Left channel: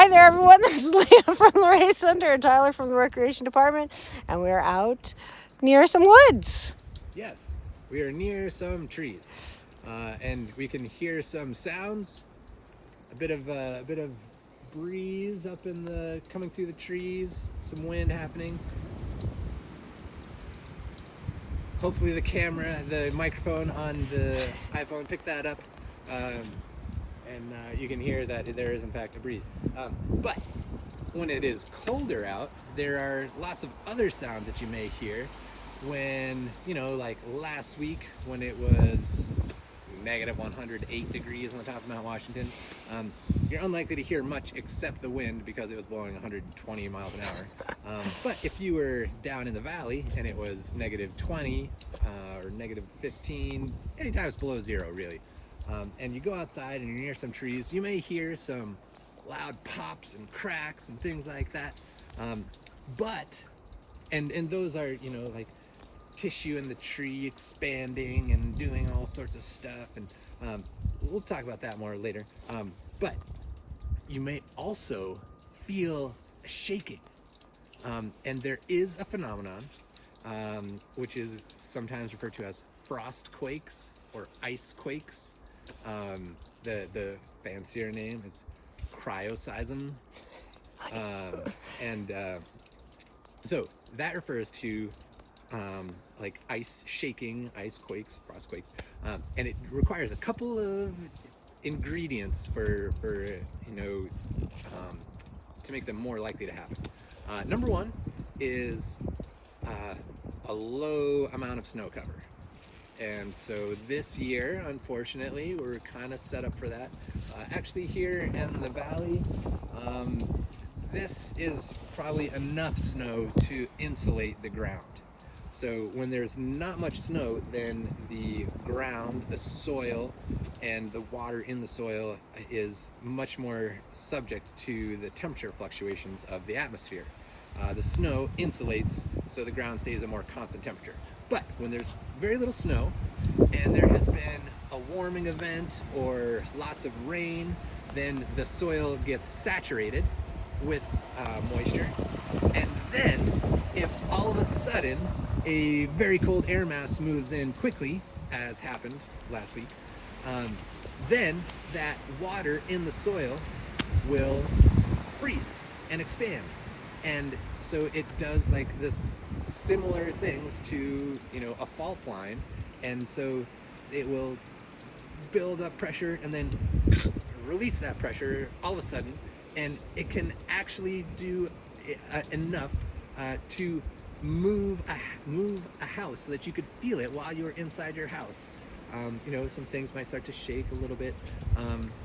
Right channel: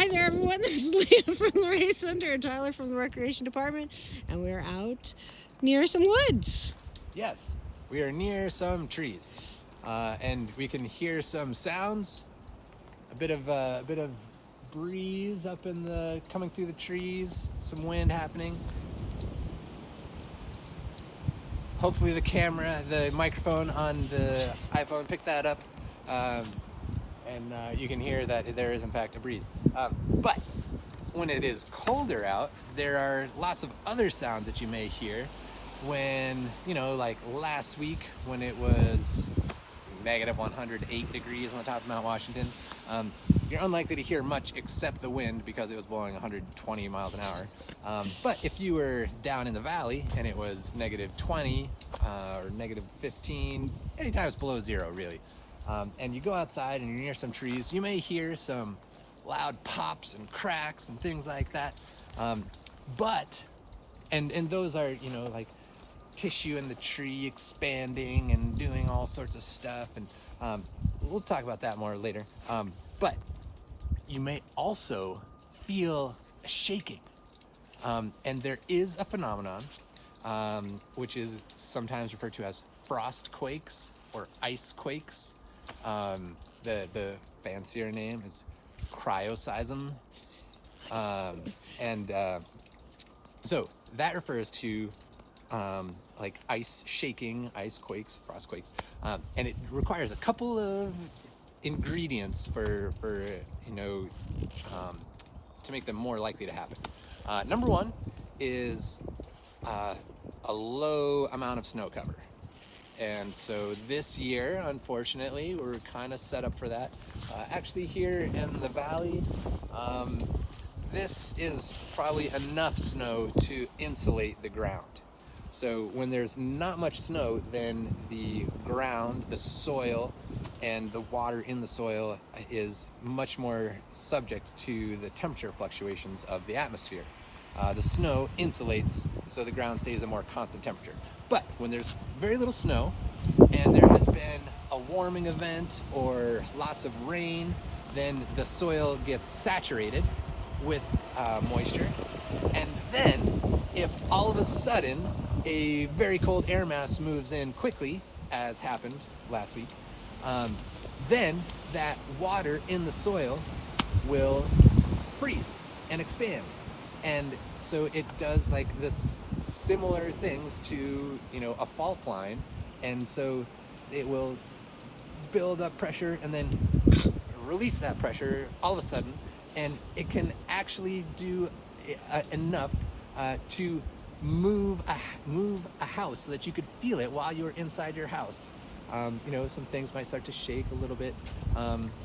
Hi there, everyone. This is Leah from the Race Center and Tyler from the Recreation Department, and we're out near some woods. Yes, we are near some trees, and we can hear some sounds. A bit of breeze up in the coming through the trees. Some wind happening. Hopefully, the microphone on the iPhone picked that up, and you can hear that there is in fact a breeze. But when it is colder out, there are lots of other sounds that you may hear. When, like last week when it was negative 108 degrees on top of Mount Washington, you're unlikely to hear much except the wind because it was blowing 120 miles an hour. But if you were down in the valley and it was negative 20 or negative 15, anytime it's below zero, really, and you go outside and you're near some trees, you may hear some loud pops and cracks and things like that. And those are, like tissue in the tree expanding and doing all sorts of stuff, and we'll talk about that more later. But you may also feel shaking, and there is a phenomenon which is sometimes referred to as frost quakes or ice quakes. The fancier name is cryoseism, and so that refers to like ice shaking, ice quakes, frost quakes, and it requires a couple of ingredients for to make them more likely to happen. Number one is a low amount of snow cover. And so this year, unfortunately, we're kind of set up for that. Actually, here in the valley, this is probably enough snow to insulate the ground. So when there's not much snow, then the ground, the soil, and the water in the soil is much more subject to the temperature fluctuations of the atmosphere. The snow insulates, so the ground stays at a more constant temperature. But when there's very little snow, and there has been a warming event or lots of rain, then the soil gets saturated with moisture. And then, if all of a sudden a very cold air mass moves in quickly, as happened last week, then that water in the soil will freeze and expand. And so it does like this similar things to, a fault line. And so it will build up pressure and then release that pressure all of a sudden. And it can actually do enough to move a house so that you could feel it while you were inside your house. Some things might start to shake a little bit,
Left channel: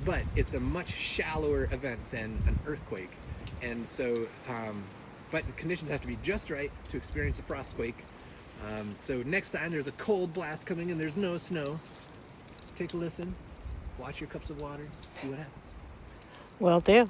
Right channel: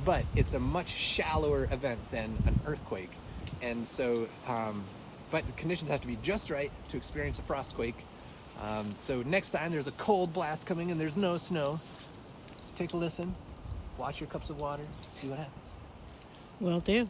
but it's a much shallower event than an earthquake. And so, but the conditions have to be just right to experience a frost quake. So next time there's a cold blast coming and there's no snow, take a listen, watch your cups of water, see what happens. Will do.